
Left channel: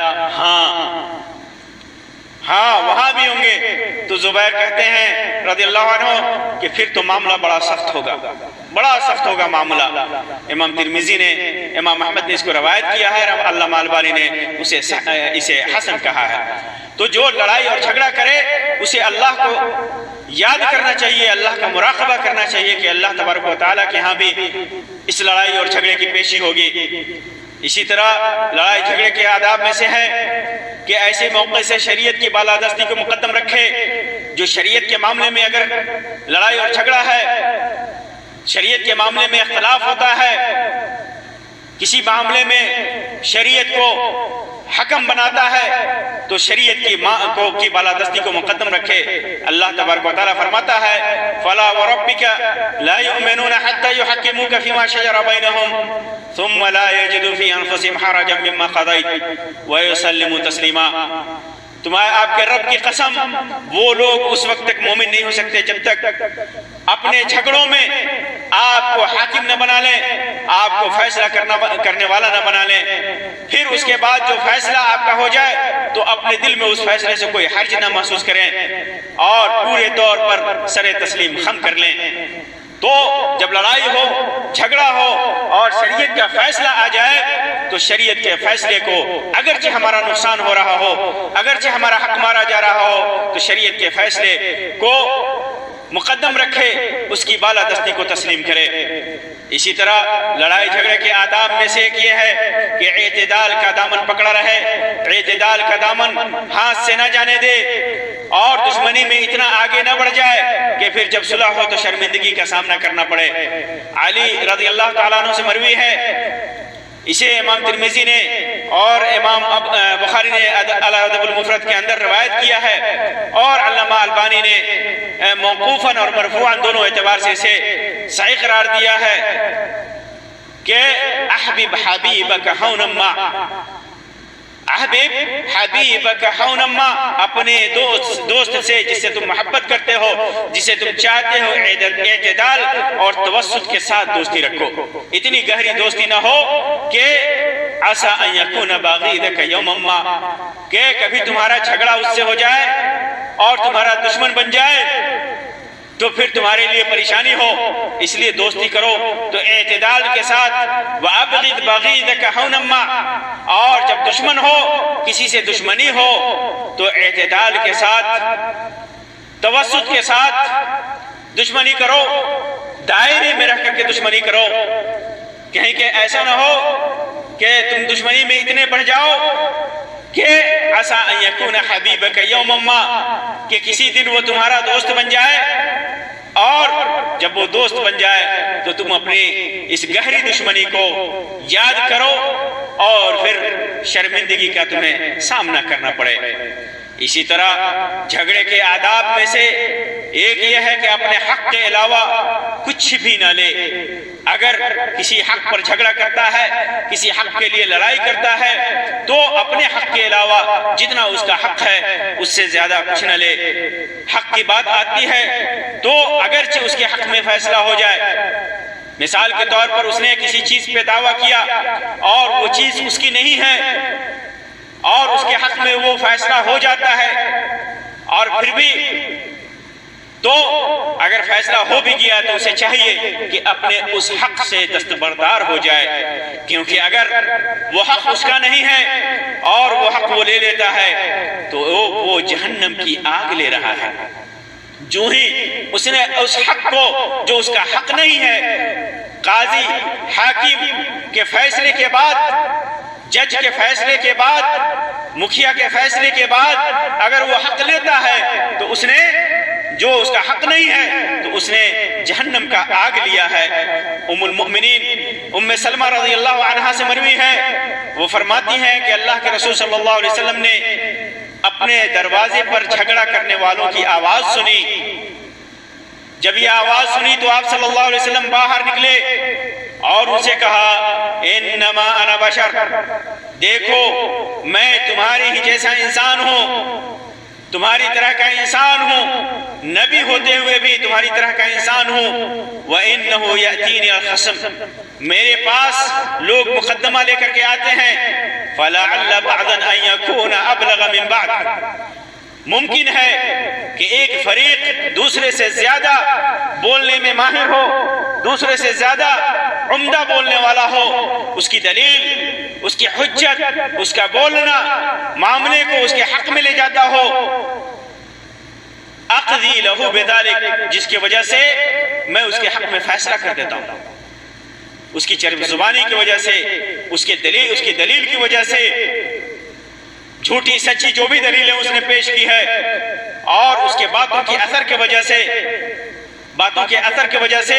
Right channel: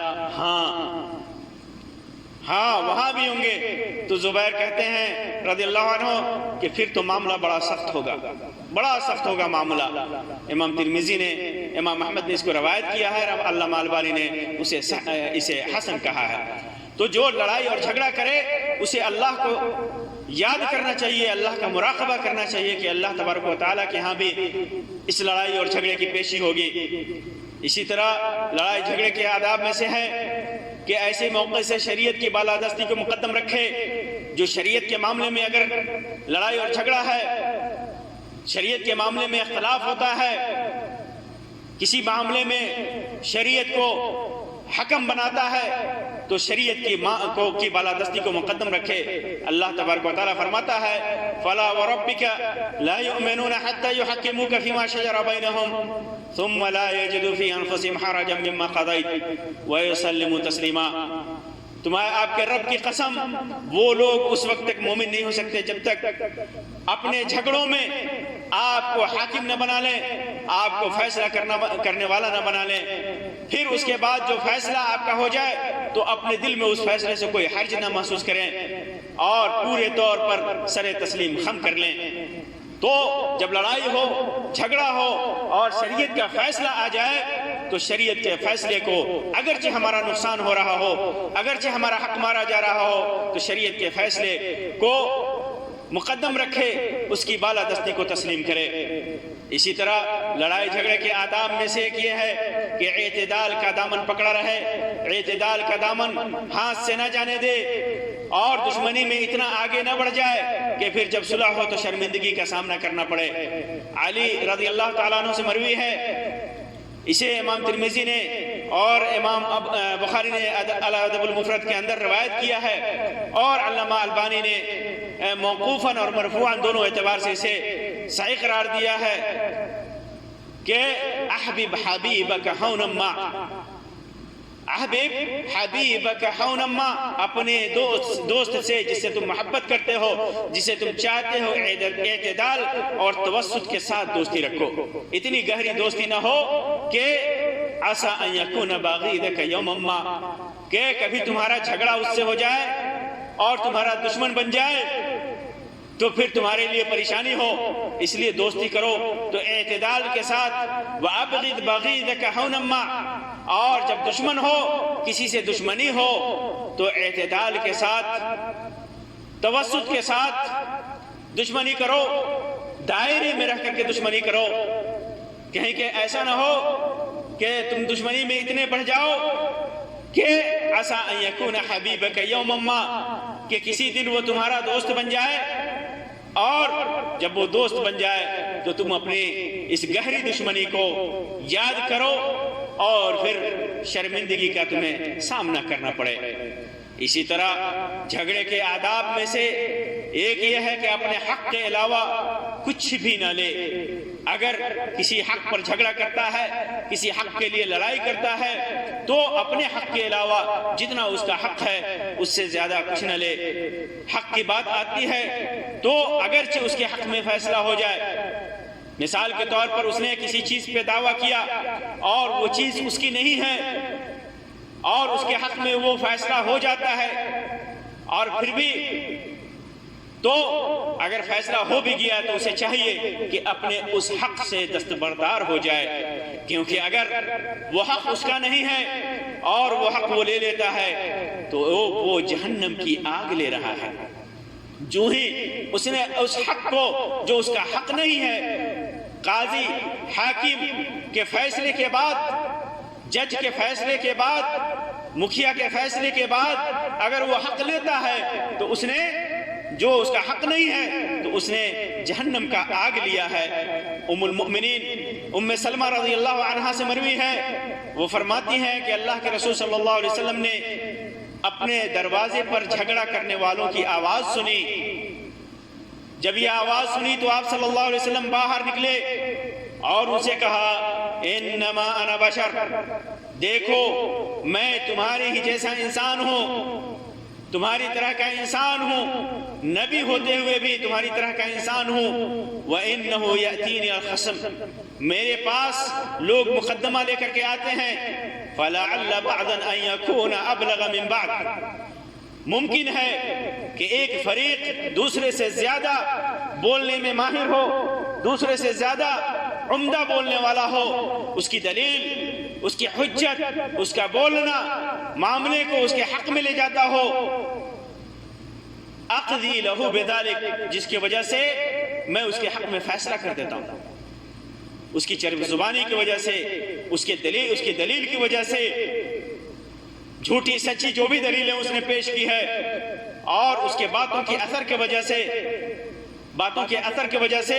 ہاں وہاں بھی ہوں گے۔ تو زبیر کہتے ہیں رضی اللہ عنہ کہ پھر تو معاملہ بڑا سخت ہوگا معاملہ۔ امام ترمذی نے، امام احمد نے اس کو روایت کیا ہے، علامہ البانی نے اسے حسن کہا ہے۔ تو جو لڑائی اور جھگڑا کرے اسے اللہ کو یاد کرنا چاہیے، اللہ کا مراقبہ کرنا چاہیے کہ اللہ تبارک و تعالیٰ کے ہاں بھی اس لڑائی اور جھگڑے کی پیشی ہوگی۔ اسی طرح لڑائی جھگڑے کے آداب میں سے ہے کہ ایسے موقع سے شریعت کی بالادستی کو مقدم رکھے۔ جو شریعت کے معاملے میں اگر لڑائی اور جھگڑا ہے، شریعت کے معاملے میں اختلاف ہوتا ہے، کسی معاملے میں شریعت کو حکم بناتا ہے، تو شریعت کی بالادستی کو مقدم رکھے۔ اللہ تبارک و تعالیٰ فرماتا ہے فَلَا وَرَبِّكَ لَا يُؤْمِنُونَ حَتَّى يُحَكِّمُوكَ فِي مَا شَجَرَ بَيْنَهُمْ ثُمَّ لَا يَجِدُوا فِي أَنفُسِهِمْ حَرَجًا مِّمَّا قَضَيْتَ وَيُسَلِّمُوا تَسْلِيمًا۔ تمہارے آپ کے رب کی قسم، وہ لوگ اس وقت تک مومن نہیں ہو سکتے جب تک اپنے جھگڑوں میں آپ کو حاکم نہ بنا لیں، آپ کو فیصلہ کرنے والا نہ بنا لیں، پھر اس کے بعد جو فیصلہ آپ کا ہو جائے تو اپنے دل میں اس فیصلے سے کوئی حرج نہ محسوس کریں اور پورے طور پر سر تسلیم خم کر لیں۔ تو جب لڑائی ہو، جھگڑا ہو اور شریعت کا فیصلہ آ جائے تو شریعت کے فیصلے کو، اگرچہ ہمارا نقصان ہو رہا ہو، اگرچہ ہمارا حق مارا جا رہا ہو، تو شریعت کے فیصلے کو مقدم رکھے، اس کی بالادستی کو تسلیم کرے۔ اسی طرح لڑائی جھگڑے کے آداب میں سے ایک یہ ہے کہ اعتدال کا دامن پکڑا رہے، اعتدال کا دامن ہاتھ سے نہ جانے دے، اور دشمنی میں اتنا آگے نہ بڑھ جائے کہ پھر جب صلح ہو تو شرمندگی کا سامنا کرنا پڑے۔ علی رضی اللہ تعالیٰ عنہ سے مروی ہے، اسے امام ترمذی نے اور امام بخاری نے الادب المفرد کے اندر روایت کیا ہے، اور علامہ البانی نے موقوفاً اور مرفوعاً دونوں اعتبار سے اسے صحیح قرار دیا ہے کہ احبب حبیبک حونما، احبب حبیبک حونما، اپنے دوست سے جس سے تم محبت کرتے ہو، جسے تم چاہتے ہو، اعتدال اور توسط کے ساتھ دوستی رکھو۔ اتنی گہری دوستی نہ ہو کہ عسى ان يكون باغيدك يوما ما، کہ کبھی تمہارا جھگڑا اس سے ہو جائے اور تمہارا دشمن بن جائے، تو پھر تمہارے لیے پریشانی ہو، اس لیے دوستی کرو تو اعتدال کے ساتھ۔ وَأَبْغِضْ بَغِيضَكَ حَوْنًا، اور جب دشمن ہو، کسی سے دشمنی ہو تو اعتدال کے ساتھ، توسط کے ساتھ دشمنی کرو، دائرے میں رہ کر کے دشمنی کرو۔ کہیں کہ ایسا نہ ہو کہ تم دشمنی میں اتنے بڑھ جاؤ کہ عسیٰ ان یکون حبیبک یوما ما، کہ کسی دن وہ تمہارا دوست بن جائے، اور جب وہ دوست بن جائے تو تم اپنی اس گہری دشمنی کو یاد کرو اور پھر شرمندگی کا تمہیں سامنا کرنا پڑے۔ اسی طرح جھگڑے کے آداب میں سے ایک یہ ہے کہ اپنے حق کے علاوہ کچھ بھی نہ لے۔ اگر کسی حق پر جھگڑا کرتا ہے، کسی حق کے لیے لڑائی کرتا ہے، تو اپنے حق کے علاوہ جتنا اس کا حق ہے اس سے زیادہ کچھ نہ لے۔ حق کی بات آتی ہے تو اگرچہ اس کے حق میں فیصلہ ہو جائے، مثال کے طور پر اس نے کسی چیز پہ دعویٰ کیا اور وہ چیز اس کی نہیں ہے اور اس کے حق میں وہ فیصلہ ہو جاتا ہے، اور پھر بھی تو اگر فیصلہ ہو بھی گیا تو اسے چاہیے کہ اپنے اس حق سے دستبردار ہو جائے، کیونکہ اگر وہ حق اس کا نہیں ہے اور وہ حق وہ لے لیتا ہے تو وہ جہنم کی آگ لے رہا ہے۔ جو ہی اس نے اس حق کو جو اس کا حق نہیں ہے، قاضی حاکم کے فیصلے کے بعد، جج کے فیصلے کے بعد، مکھیا کے فیصلے کے بعد اگر وہ حق لیتا ہے تو اس نے جو اس کا حق نہیں ہے تو اس نے جہنم کا آگ لیا ہے۔ ام المؤمنین ام سلمہ رضی اللہ عنہا سے مروی ہے، وہ فرماتی ہیں کہ اللہ کے رسول صلی اللہ علیہ وسلم نے اپنے دروازے پر جھگڑا کرنے والوں کی آواز سنی۔ جب یہ آواز سنی تو آپ صلی اللہ علیہ وسلم باہر نکلے اور ان سے کہا انما انا بشر، دیکھو میں تمہارے ہی جیسا انسان ہوں، تمہاری طرح کا انسان ہوں، نبی ہوتے ہوئے بھی تمہاری طرح کا انسان ہوں۔ وَإِنَّهُ يَأْتِينِي الْخَصْمُ، میرے پاس لوگ مقدمہ لے کر کے آتے ہیں، فَلَعَلَّ بَعْضًا أَن يَكُونَ أَبْلَغَ مِن بَعْضٍ، ممکن ہے کہ ایک فریق دوسرے سے زیادہ بولنے میں ماہر ہو، دوسرے سے زیادہ عمدہ بولنے والا ہو، اس کی دلیل، اس کی حجت، اس کا بولنا معاملے کو اس کے حق میں لے جاتا ہو، اقضی لہو بذالک، جس کی وجہ سے میں اس کے حق میں فیصلہ کر دیتا ہوں، اس کی چرب زبانی کی وجہ سے، اس کی دلیل کی وجہ سے، جھوٹی سچی جو بھی دلیلیں اس نے پیش کی ہے، اور اس کے باتوں کے اثر کی وجہ سے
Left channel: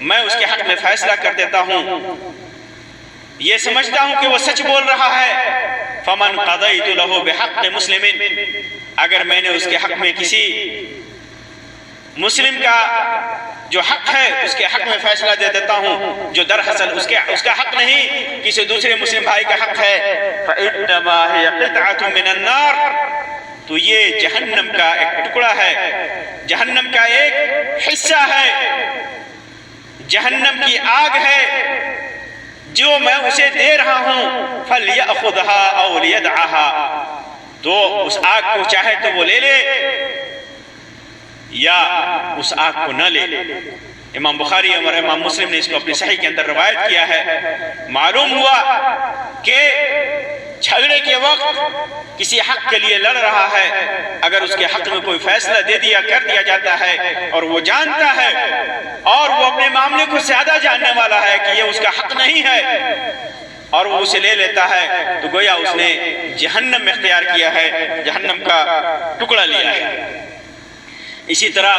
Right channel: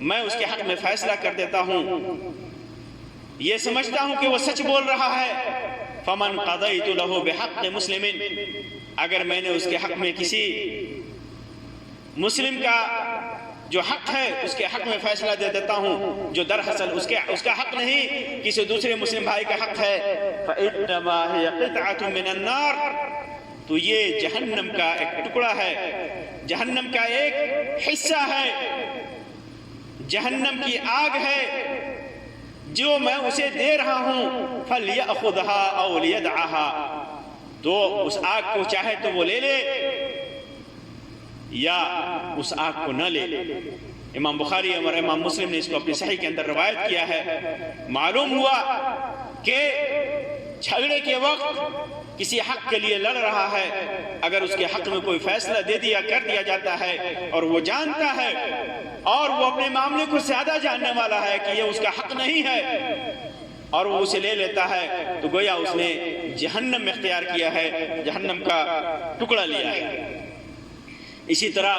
میں اس کے حق میں فیصلہ کر دیتا ہوں، یہ سمجھتا ہوں کہ وہ سچ بول رہا ہے۔ فمن قضیت له بحق مسلم، اگر میں نے اس کے حق میں کسی مسلم کا جو حق ہے اس کے حق میں فیصلہ دے دیتا ہوں جو دراصل اس کا حق نہیں، کسی دوسرے مسلم بھائی کا حق ہے، فإنما هي قطعة من النار، تو یہ جہنم کا ایک ٹکڑا ہے، جہنم کا ایک حصہ ہے، جہنم کی آگ ہے جو میں اسے دے رہا ہوں، فَلْيَأْخُذْهَا أَوْ لِيَدْعَهَا، تو اس آگ کو چاہے تو وہ لے لے یا اس آگ کو نہ لے۔ امام بخاری اور امام مسلم نے اس کو اپنی صحیح کے اندر روایت کیا ہے۔ معلوم ہوا کہ جھگڑے کے وقت کسی حق کے لیے لڑ رہا ہے، اگر اس کے حق میں کوئی فیصلہ کر دیا جاتا ہے اور وہ جانتا ہے اور وہ اپنے معاملے کو زیادہ جاننے والا ہے کہ یہ اس کا حق نہیں ہے اور وہ اسے لے لیتا ہے، تو گویا اس نے جہنم اختیار کیا ہے، جہنم کا ٹکڑا لیا ہے۔ اسی طرح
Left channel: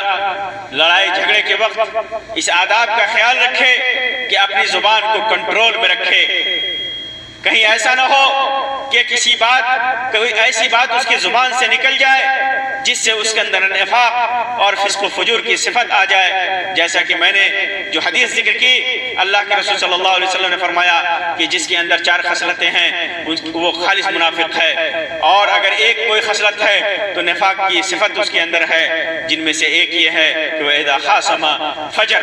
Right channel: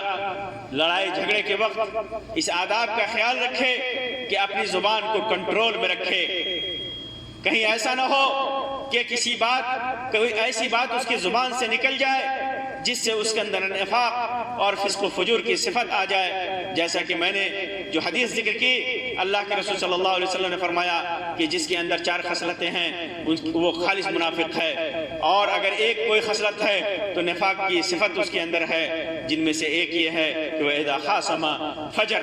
لڑائی جھگڑے کے وقت اس آداب کا خیال رکھے کہ اپنی زبان کو کنٹرول میں رکھے، کہیں ایسا نہ ہو کہ کوئی ایسی بات اس کی زبان سے نکل جائے جس سے اس کے اندر نفاق اور فسق و فجور کی صفت آ جائے، جیسا کہ میں نے جو حدیث ذکر کی، اللہ کے رسول صلی اللہ علیہ وسلم نے فرمایا کہ جس کے اندر 4 خصلتیں ہیں وہ خالص منافق ہے، اور اگر ایک کوئی خصلت ہے تو نفاق کی صفت اس کے اندر ہے، جن میں سے ایک یہ ہے کہ وہ اذا خاصم فجر،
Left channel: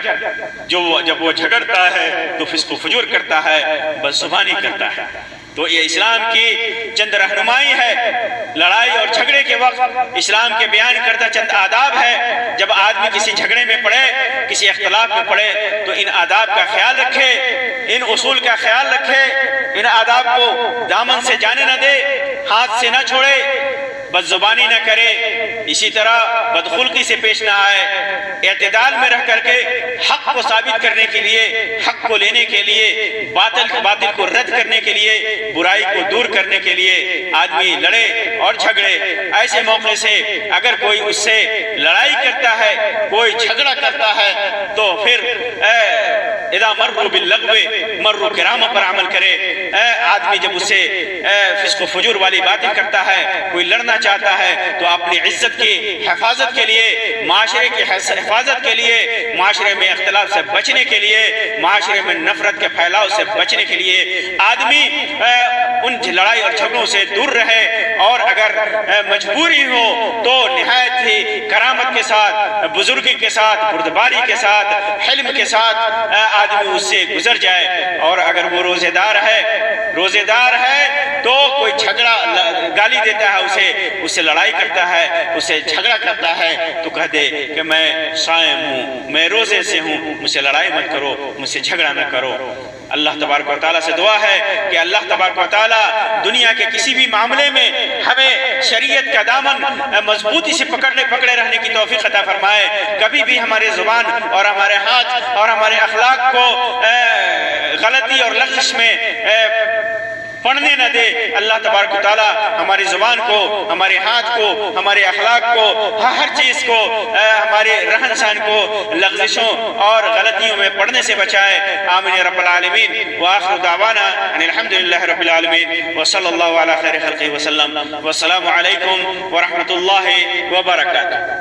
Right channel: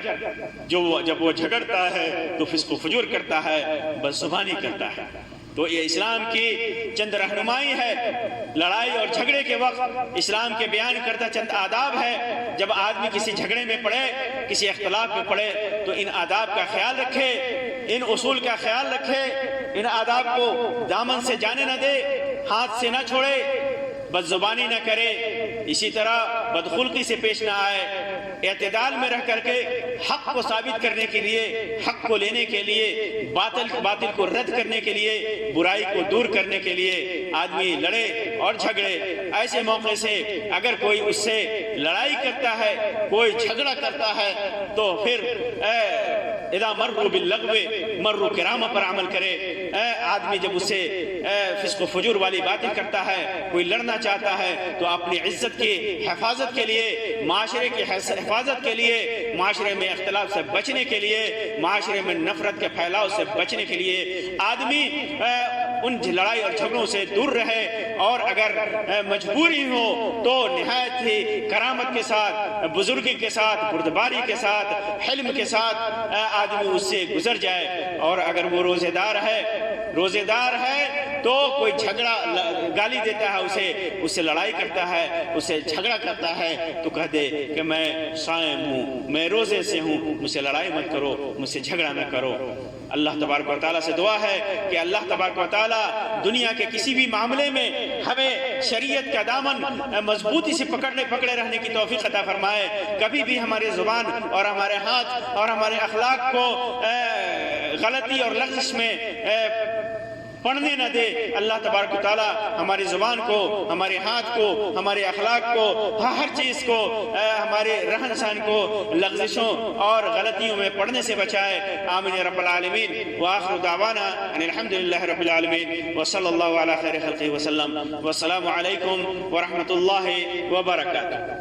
جب وہ جھگڑتا ہے تو فسق و فجور کرتا ہے، بد زبانی کرتا ہے۔ تو یہ اسلام کی چند رہنمائی ہے۔ لڑائی اور جھگڑے کے وقت اسلام کے بیان کرتا چند آداب ہے۔ جب آدمی کسی جھگڑے میں پڑے، کسی اختلاف میں پڑے، تو ان آداب کا خیال رکھے، ان اصول کا خیال رکھے، ان آداب کو دامن سے جانے نہ دے، ہاتھ سے نہ چھوڑے، بد زبانی نہ کرے، اسی طرح بدخلقی سے پیش نہ آئے، اعتدال میں رہ کر کے حق کو ثابت کرنے کے لیے، حق کو لینے کے لیے، باطل کو رد کرنے کے لیے، برائی کو دور کرنے کے لیے آدمی لڑے اور جھگڑے۔ ایسے موقع سے اگر کوئی اس سے لڑائی کرتا ہے، کوئی جھگڑا کرتا ہے، تو پھر اذا مروا باللغو مروا کرامہ پر عمل کرے۔ آدمی جب اس سے فسق و فجور والی باتیں کرتا ہے، کوئی لڑنا چاہتا ہے، تو اپنی عزت کی حفاظت کے لیے، معاشرے کی حفاظت کے لیے، معاشرے میں اختلاف سے بچنے کے لیے، معاشرے میں نفرت کے پھیلاؤ سے بچنے کے لیے آدمی ان لڑائی اور جھگڑوں سے دور رہے، اور اگر مجبوری ہو تو نہایت ہی کرامت کے ساتھ، بزرگی کے ساتھ، بردباری کے ساتھ، حلم کے ساتھ آدمی اس سے گزر جائے۔ اور اگر وہ روزے دار ہے تو کوئی جھگڑا گالی دیتا ہے، اس سے لڑائی کرتا ہے، اس سے جھگڑا کرتا ہے، تو کہہ دے کہ میں صائم ہوں، میں روزے سے ہوں، مجھ سے لڑائی مت کرو، مجھ سے جھگڑا نہ کرو۔ اللہ تبارک و تعالیٰ سے دعا ہے کہ اللہ تبارک و تعالیٰ دنیا کے کسی بھی معاملے میں ہمیں شریعت کا دامن مضبوطی سے پکڑے رہنے کی توفیق عطا فرمائے۔ کبھی بھی ہمارے زبان اور ہمارے ہاتھ اور ہمارے اخلاق کو غلطی اور لغزش میں پڑھنے نہ دے۔ اللہ تبارک و تعالیٰ ہماری زبان کو، ہمارے ہاتھ کو، ہمارے اخلاق کو، ہر چیز کو، ہمارے رہن سہن کو لغزشوں اور غلطیوں میں پڑھنے سے بچائے۔ آمین یا رب العالمین۔ وآخر دعوانا ان الحمدللہ رب العالمین، وصلی اللہ علی خیر خلقہ وسلم، والسلام علیکم ورحمۃ اللہ وبرکاتہ۔